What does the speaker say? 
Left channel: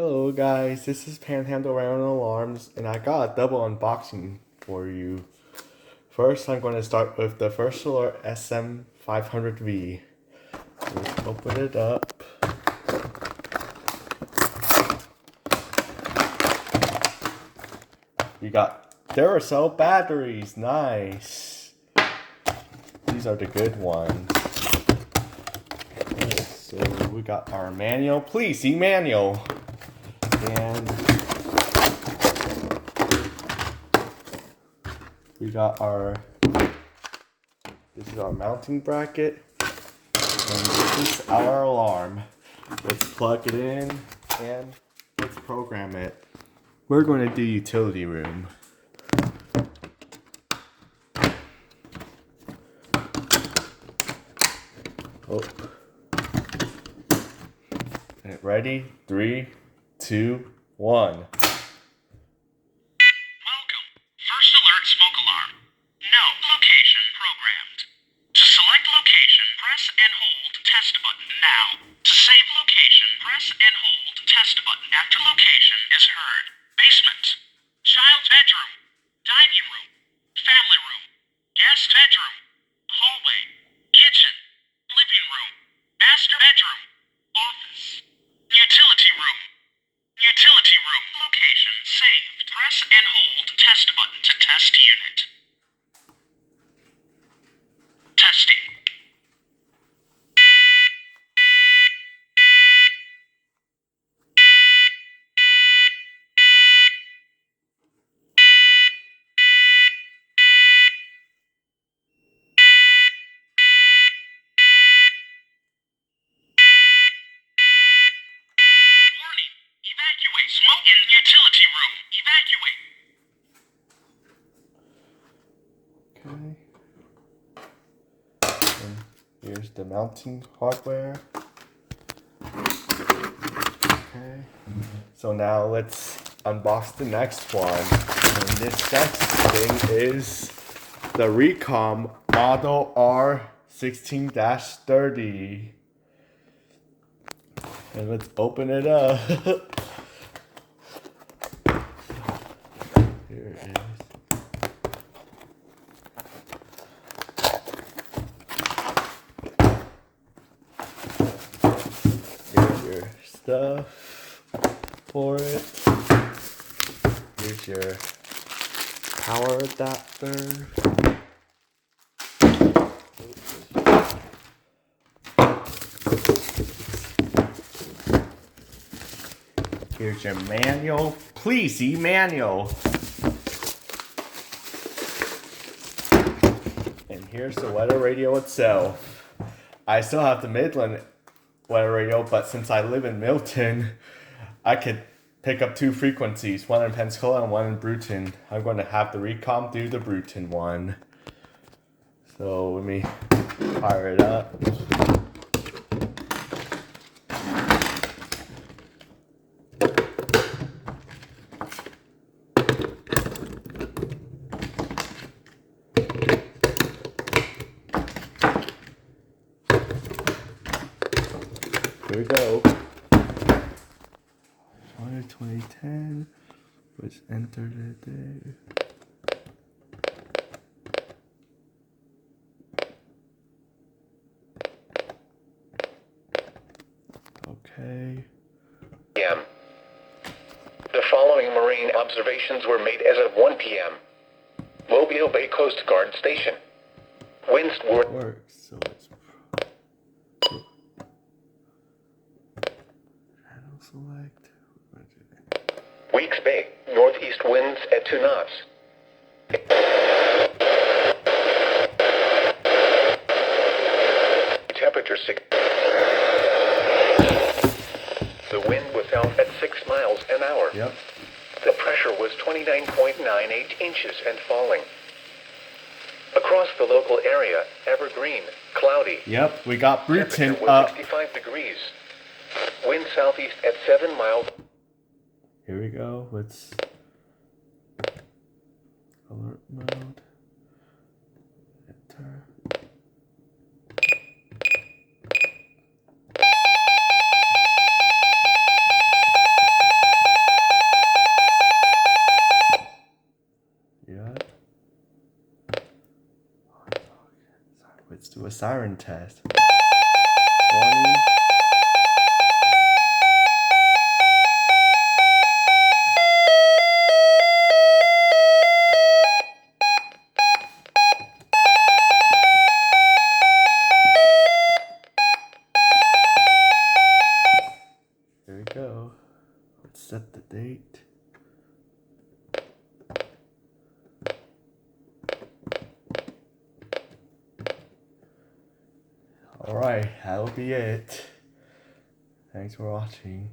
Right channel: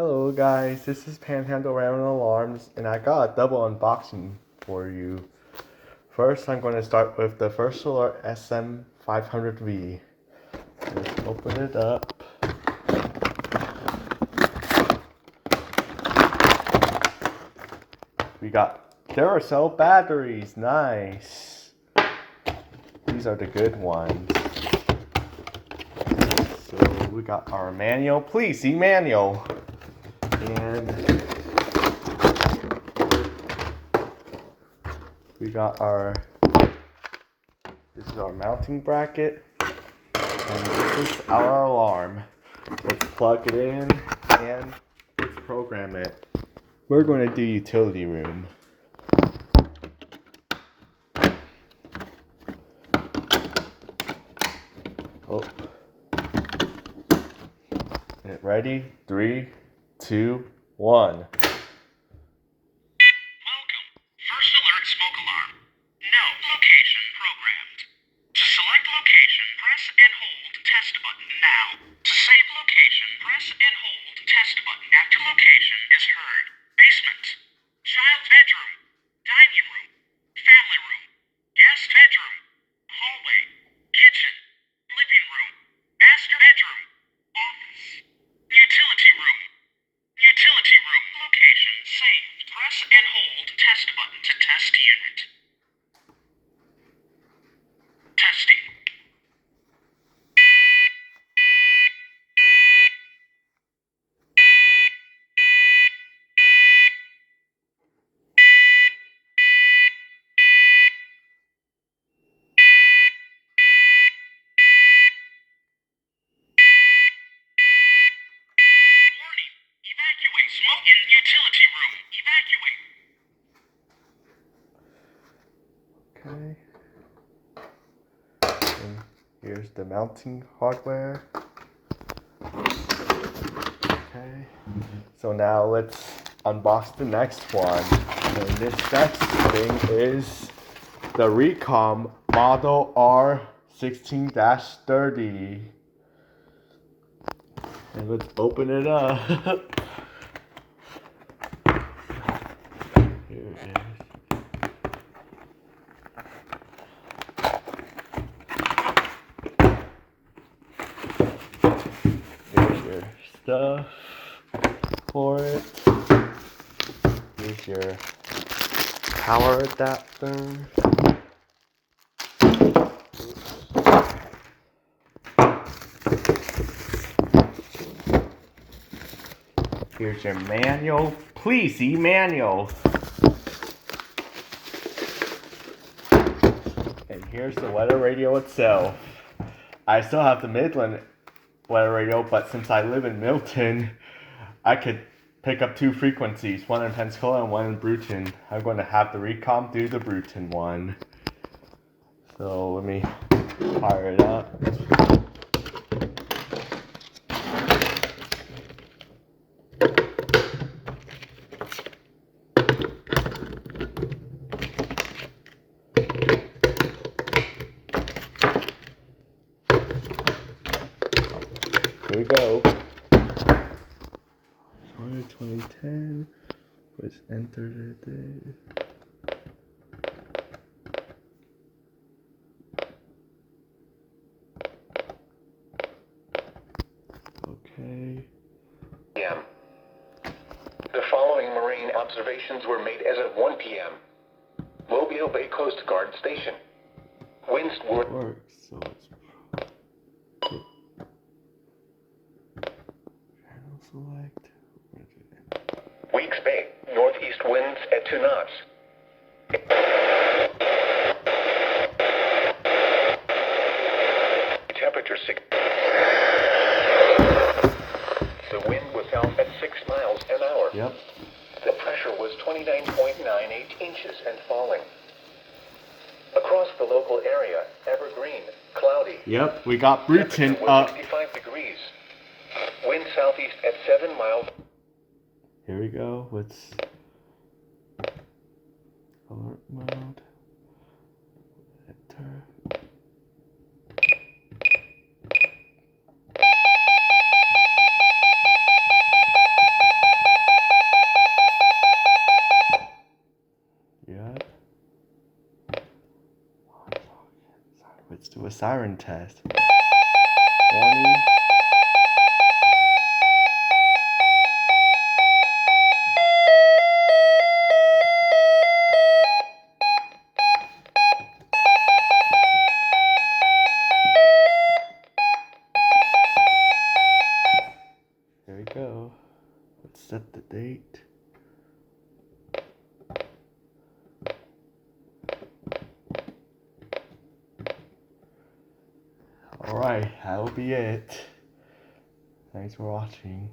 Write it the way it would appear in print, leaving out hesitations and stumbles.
Hello guys, this is Panhandle Random Alarms and I got a double unboxing for you. First I'm going to start with the First Solar SM500V. Let's open it up. We got Duracell batteries, nice. These are the good ones. So we got our manual, please see manual. And we got this is our mounting bracket, and this is our alarm. Let's plug it in and let's program it. We're going to do utility room. Oh. And ready? 3, 2, 1. First alert smoke alarm. No location programmed. To select location, press and hold test button now. To save location, press and hold test button after location is heard. Basement, child's bedroom, dining room, family room, guest bedroom, hallway, kitchen, living room, master bedroom, office, utility room. Utility room location saved. Press and hold test button to test unit. Testing. Warning. Evacuate. Smoke in utility room. Evacuate. Okay. And here's the mounting hardware. Okay. So now let's unbox the next one. And this next thing is the Reecom model R1630. And let's open it up. Here it is. Here's your stuff for it. Here's your power adapter. Here's your manual. Please see manual. And here's the weather radio itself. I still have the Midland weather radio, but since I live in Milton, I could pick up 2 frequencies, one in Pensacola and one in Bruton. I'm going to have the Reecom do the Bruton one. So let me fire it up. Here we go. 2010 was entered it. Okay. p.m. The following marine observations were made as of 1 p.m. Mobile Bay Coast Guard Station. Winds were... Works, so it's channel select. Weeks Bay. Northeast winds at 2 knots. Temperature 6. The wind was out at 6 miles an hour. Yep. The pressure was 29.98 inches and falling. Across the local area, evergreen, cloudy. Yep, we got Bruton Temperature was up. 65 degrees. Wind southeast at 7 miles. Here we go. Let's alert mode. Enter. siren test. Warning. Here we go. Let's set the date. Alright, that'll be it. Thanks for watching.